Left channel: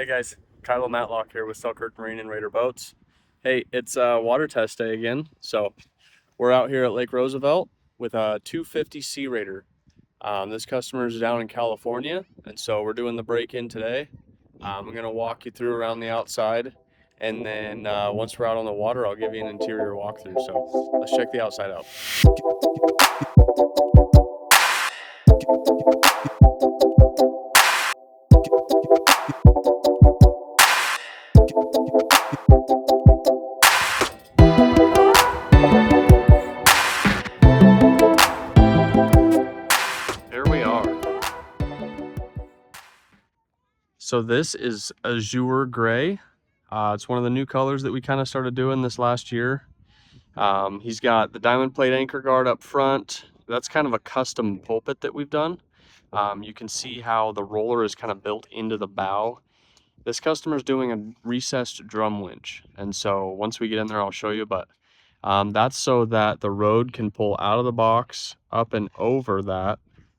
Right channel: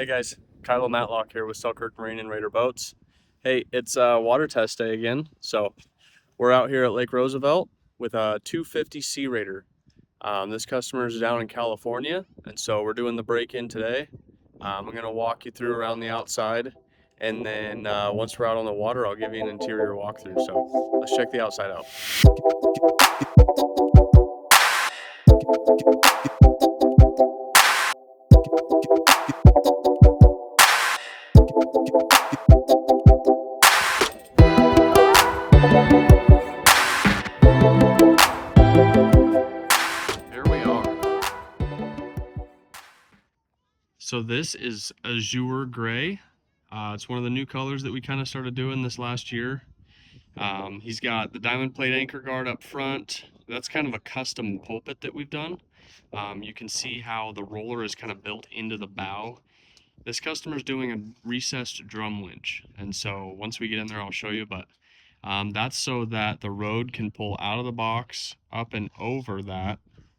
Hey guys, Kylo Matlock here with Selkirk Marine and Raider Boats. Hey, it's water test day again. So we're out here at Lake Roosevelt with a 250 SeaRaider. This customer is down in California, and so we're doing the break-in today. I'm gonna walk you through around the outside, and then once we're out on the water, I'll give you an interior walkthrough. So let's check the outside out. There we are. So this is Azure Gray. It's one of the new colors that we kind of started doing this last year. He's got the diamond plate anchor guard up front. That's kind of a custom pulpit that we've done. You can see how the roller is kind of built into the bow. This customer's doing a recessed drum winch, and so once we get in there I'll show you, but that's so that the rode can pull out of the box up and over that,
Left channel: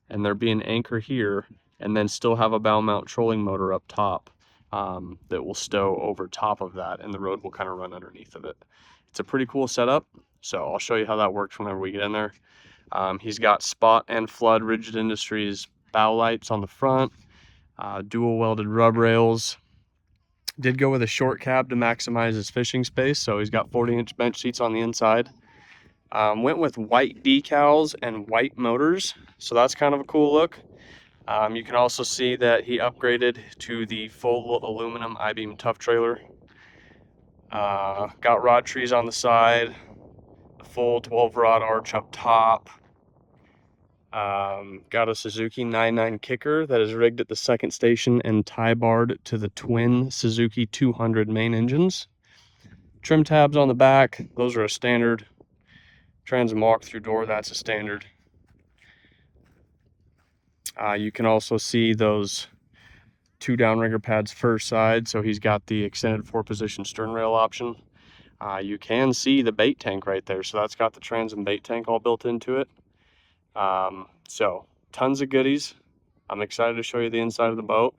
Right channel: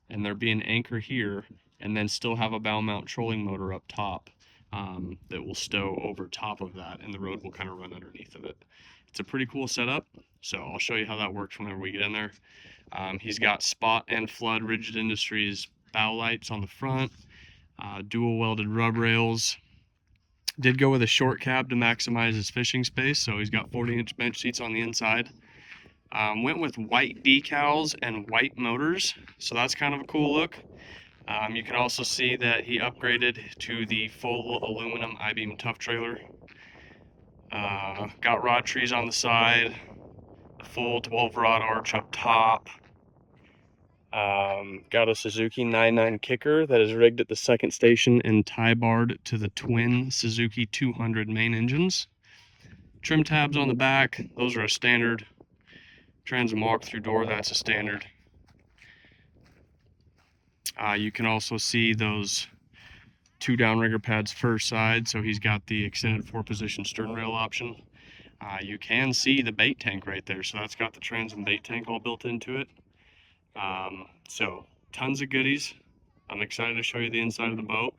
and there'll be an anchor here, and then still have a bow mount trolling motor up top that will stow over top of that, and the rode will kind of run underneath of it. It's a pretty cool setup, so I'll show you how that works whenever we get in there. He's got spot and flood Rigid Industries bow lights on the front, dual welded rub rails. Did go with a short cab to maximize his fishing space, so he's got 40-inch bench seats on the inside. Went with white decals and white motors, so that's kind of a cool look. You can also see that he upgraded to the full aluminum I-beam tough trailer. Got rod trees on the side, the full 12 rod arch up top. Got a Suzuki 99 kicker that is rigged at the second station and tie barred to the twin Suzuki 200 main engines. Trim tabs on the back, those are a standard. Transom walk-through door, that's a standard. You can also see those two downrigger pads first side, so he's got the extended 4-position stern rail option. You can see the bait tank right there, so that's got the transom bait tank all built into it. So tons of goodies. I'm excited to show you the inside of the boat.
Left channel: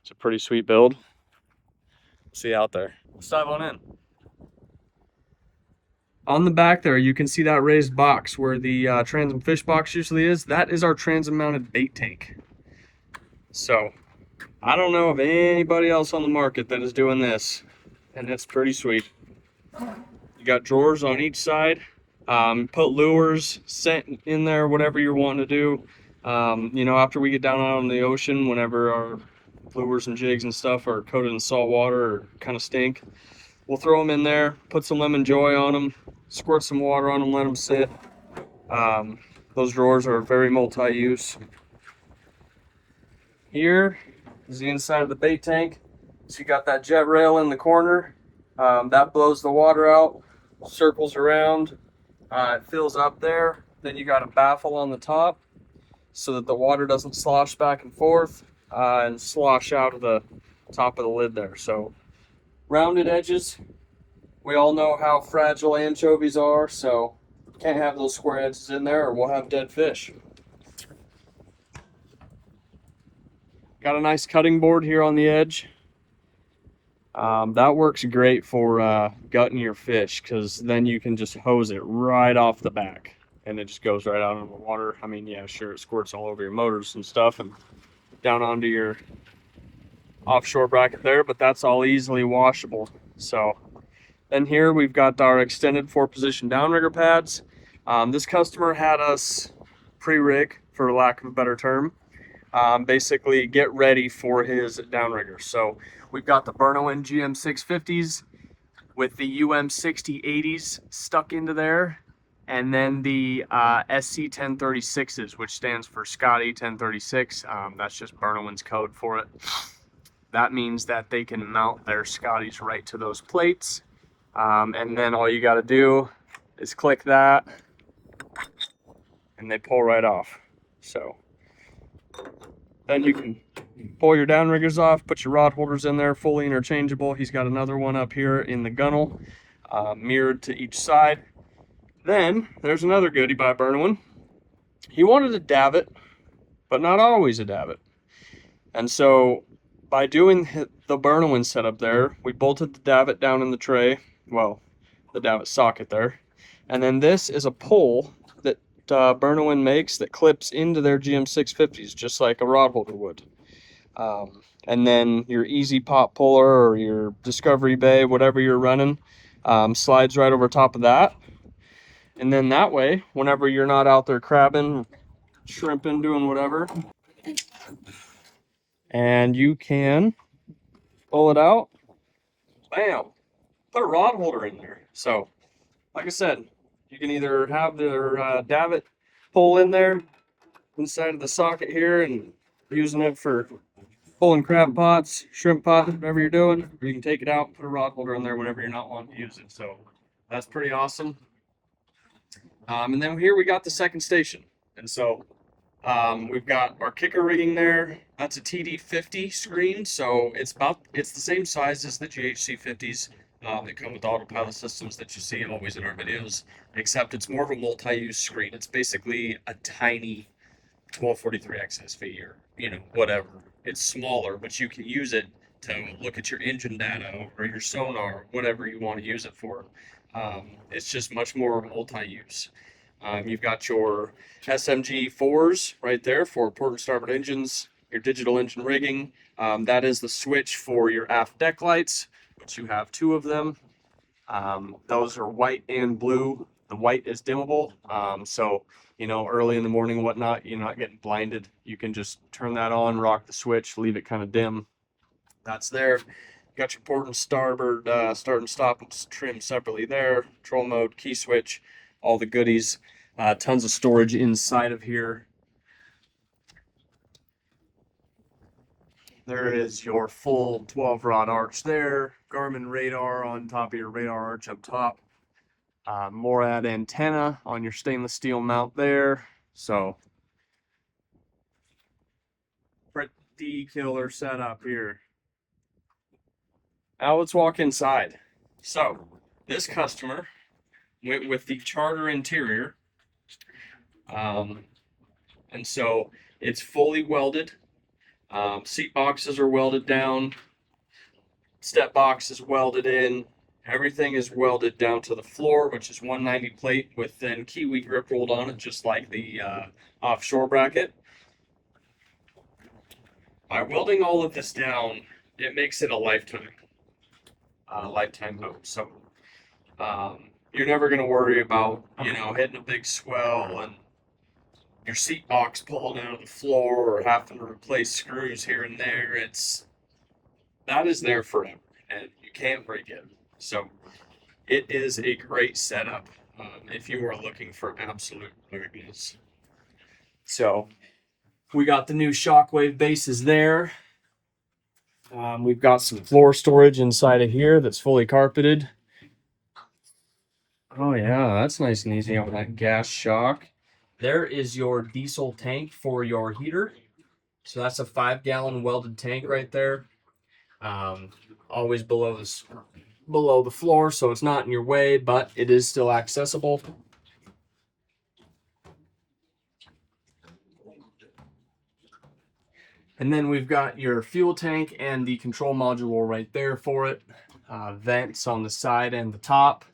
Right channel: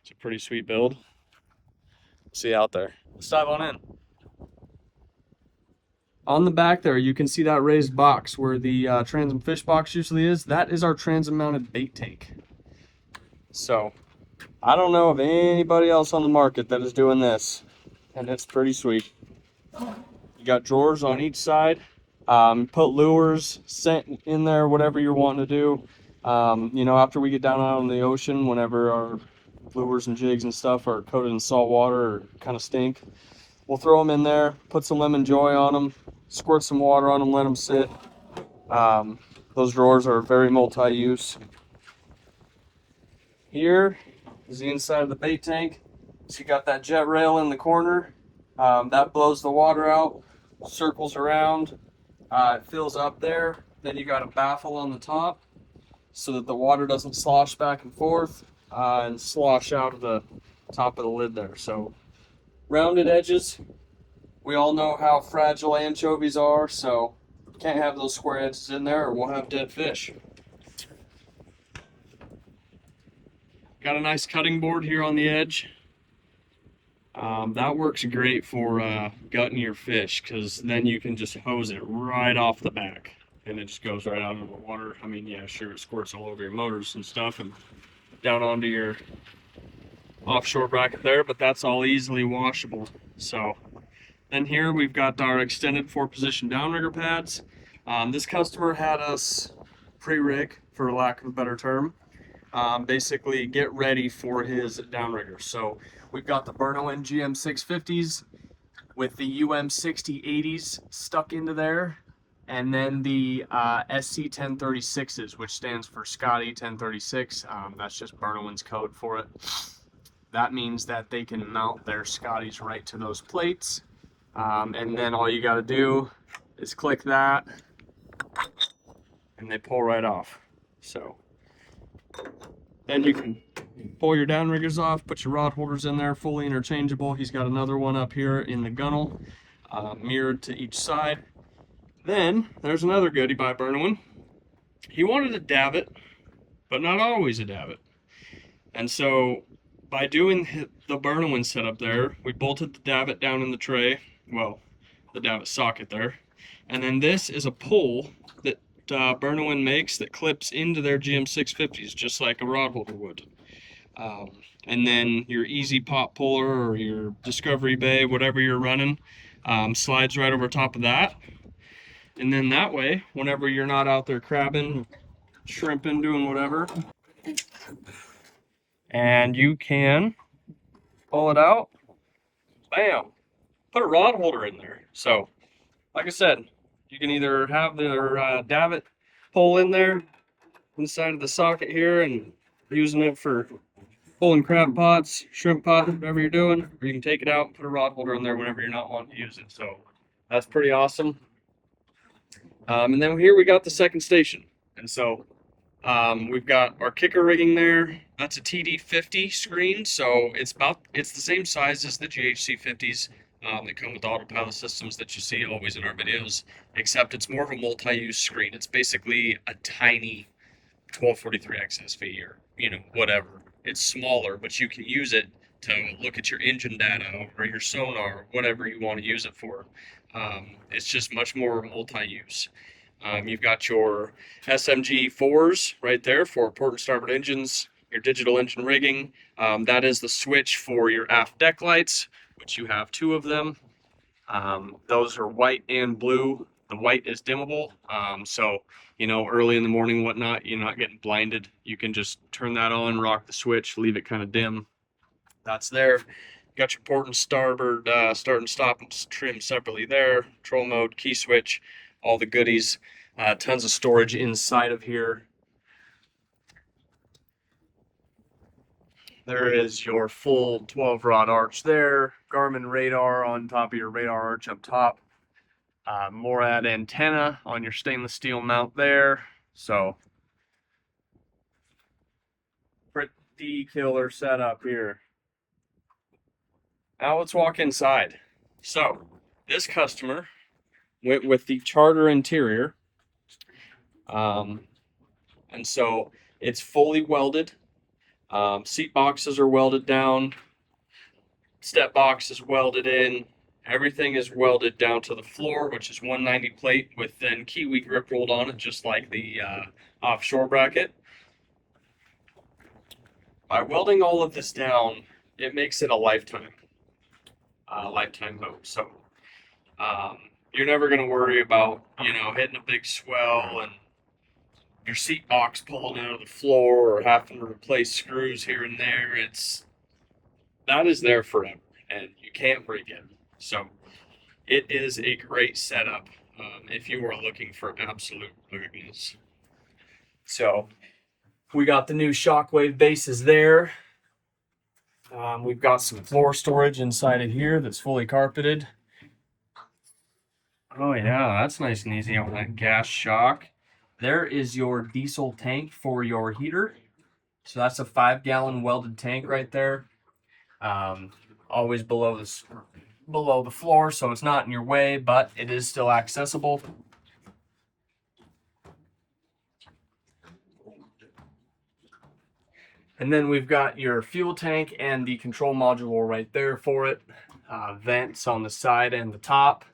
It's a pretty sweet build. See you out there. Let's dive on in. On the back there, you can see that raised box where the transom fish box usually is. That is our transom mounted bait tank. So I don't know of anybody else on the market that is doing this, and it's pretty sweet. You got drawers on each side. Put lures, scent in there, whatever you're wanting to do. You know, after we get down out on the ocean, whenever our lures and jigs and stuff are coated in salt water or kind of stink, we'll throw them in there, put some lemon joy on them, squirt some water on them, let them sit. Those drawers are very multi-use. Here is the inside of the bait tank. So you got that jet rail in the corner. That blows the water out, circles around. It fills up there. Then you got a baffle on the top so that the water doesn't slosh back and forth and slosh out of the top of the lid there. So rounded edges. We all know how fragile anchovies are, so can't have those square edges in there or we'll have dead fish. Got a nice cutting board here on the edge. That works great for gutting your fish, because then you can just hose it right off the back and it just goes right out into the water. I mean, yeah, sure, it squirts all over your motors and stuff and down onto your offshore bracket there, but that's all easily washable. So then here we've got our extended 4-position downrigger pads. This customer had us pre-rig, for lack of a better term, basically get ready for his downrigger. So we've got the Bernowin GM 650s with the UM 6080s stuck into there, and then the SC 1036s, which stands for Scotty 1036. That's just Bernowin's code for it. That means that they can mount their Scotties right to those plates, and then all you got to do is click that and they pull right off. So then you can pull your downriggers off, put your rod holders in there, fully interchangeable. He's got another one up here in the gunnel, mirrored to each side. Then there's another goodie by Bernowin. He wanted a davit, but not always a davit. And so by doing the Burnowin setup there, we bolted the davit down in the tray, well, the davit socket there, and then this is a pull that Burnowin makes that clips into their GM650s just like a rod holder would. And then your Easy Pop puller or your Discovery Bay, whatever you're running, slides right over top of that. And then that way, whenever you're not out there crabbing, shrimping, doing whatever, and you can pull it out, bam, put a rod holder in there. So, like I said, you can either have the davit pull in there inside of the socket here and using it for pulling crab pots, shrimp pots, whatever you're doing, or you can take it out and put a rod holder in there whenever you're not wanting to use it. So that's pretty awesome. And then here we got the second station. And so we've got our kicker rigging there. That's a TD50 screen, so it's the same size as the GHC 50s that come with autopilot systems that you see always in our videos, except it's more of a multi-use screen. It's basically a tiny 1243 XSV or whatever. It's smaller, but you can use it to look at your engine data or your sonar, whatever you want to use it for. It's just much more multi-use. You've got your SMG 4s right there for port and starboard engines, your digital engine rigging. That is the switch for your aft deck lights, which you have 2 of them. Those are white and blue. The white is dimmable, so early in the morning, whatnot, you're not getting blinded. You can just turn that on, rock the switch, leave it kind of dim. That's there. You got your port and starboard start and stop and trim separately there. Control mode, key switch, all the goodies. Tons of storage inside of here. There is your full 12 rod arch there. Garmin radar on top of your radar arch up top. Morad antenna on your stainless steel mount there. So pretty killer setup here. Now let's walk inside. So this customer went with the Charter interior. And so it's fully welded. Seat boxes are welded down. Step box is welded in. Everything is welded down to the floor, which is 190 plate with then Kiwi grip rolled on it, just like the offshore bracket. By welding all of this down, it makes it a lifetime boat. So you're never going to worry about hitting a big swell and your seat box pulling out of the floor or having to replace screws here and there. That is there forever, and you can't break it. So it is a great setup if you are looking for absolute ruggedness. So we got the new Shockwave bases there. We've got some floor storage inside of here that's fully carpeted. Oh yeah, that's nice and easy on that gas shock. There is your diesel tank for your heater. So that's a 5-gallon welded tank right there. Always below the floor, so it's not in your way, but it is still accessible. And then we've got your fuel tank and the control module right there for it. Vents on the side and the top.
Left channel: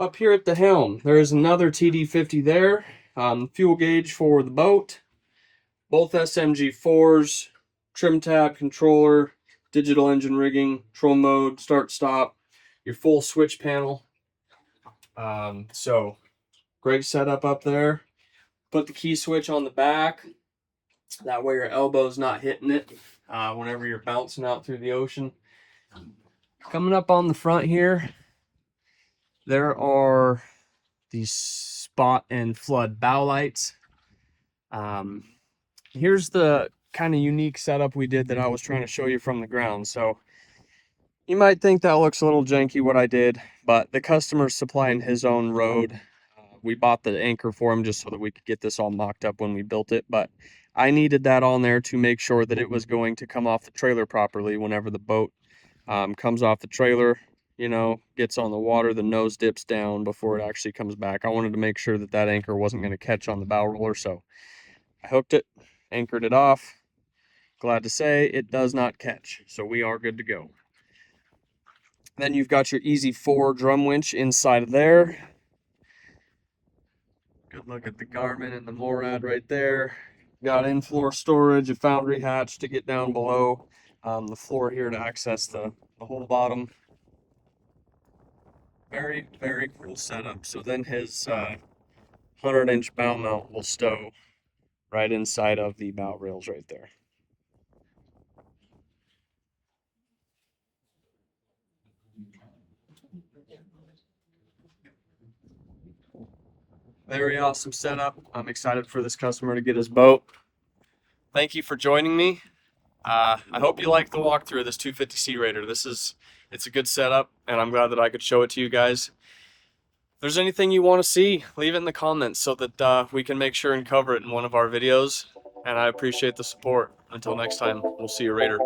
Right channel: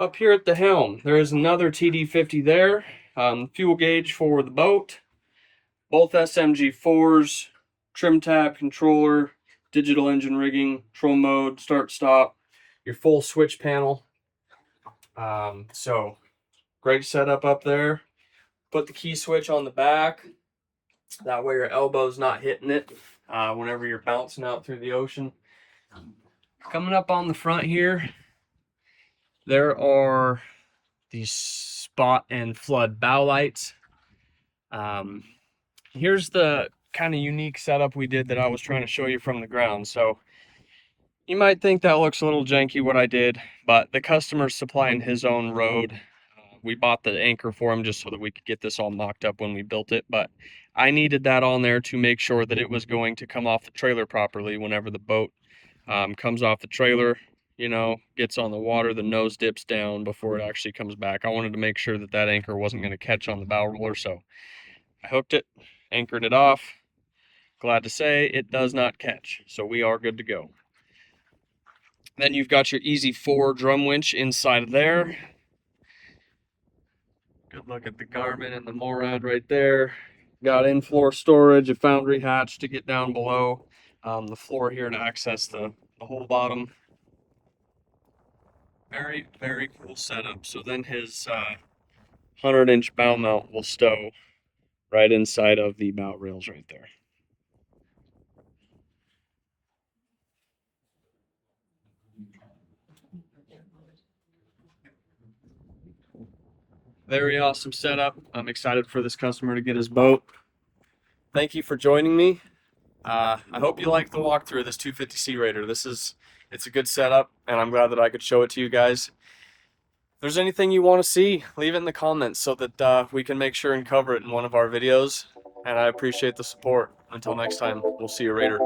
Up here at the helm, there is another TD50 there. Fuel gauge for the boat. Both SMG 4s, trim tab controller, digital engine rigging, control mode, start stop, your full switch panel. So great setup up there. Put the key switch on the back. That way your elbow's not hitting it whenever you're bouncing out through the ocean. Coming up on the front here, there are these spot and flood bow lights. Here's the kind of unique setup we did that I was trying to show you from the ground. So you might think that looks a little janky what I did, but the customer's supplying his own road. We bought the anchor for him just so that we could get this all mocked up when we built it, but I needed that on there to make sure that it was going to come off the trailer properly whenever the boat comes off the trailer, gets on the water, the nose dips down before it actually comes back. I wanted to make sure that that anchor wasn't going to catch on the bow roller, so I hooked it, anchored it off, Glad to say it does not catch, so we are good to go. Then you've got your Easy 4 drum winch inside of there. Good look at the Garmin and the MORAD right there. Got in-floor storage, a foundry hatch to get down below. The floor here to access the whole bottom. Very, very cool setup. So then his 100-inch bow mount will stow right inside of the bow rails right there. Very awesome setup. I'm excited for this customer to get his boat. Thank you for joining me. I hope you like the walkthrough of this 250 SeaRaider. It's a good setup, and I'm glad that I could show it to you guys. If there's anything you want to see, leave it in the comments so that we can make sure and cover it in one of our videos. And I appreciate the support. Until next time, we'll see you later.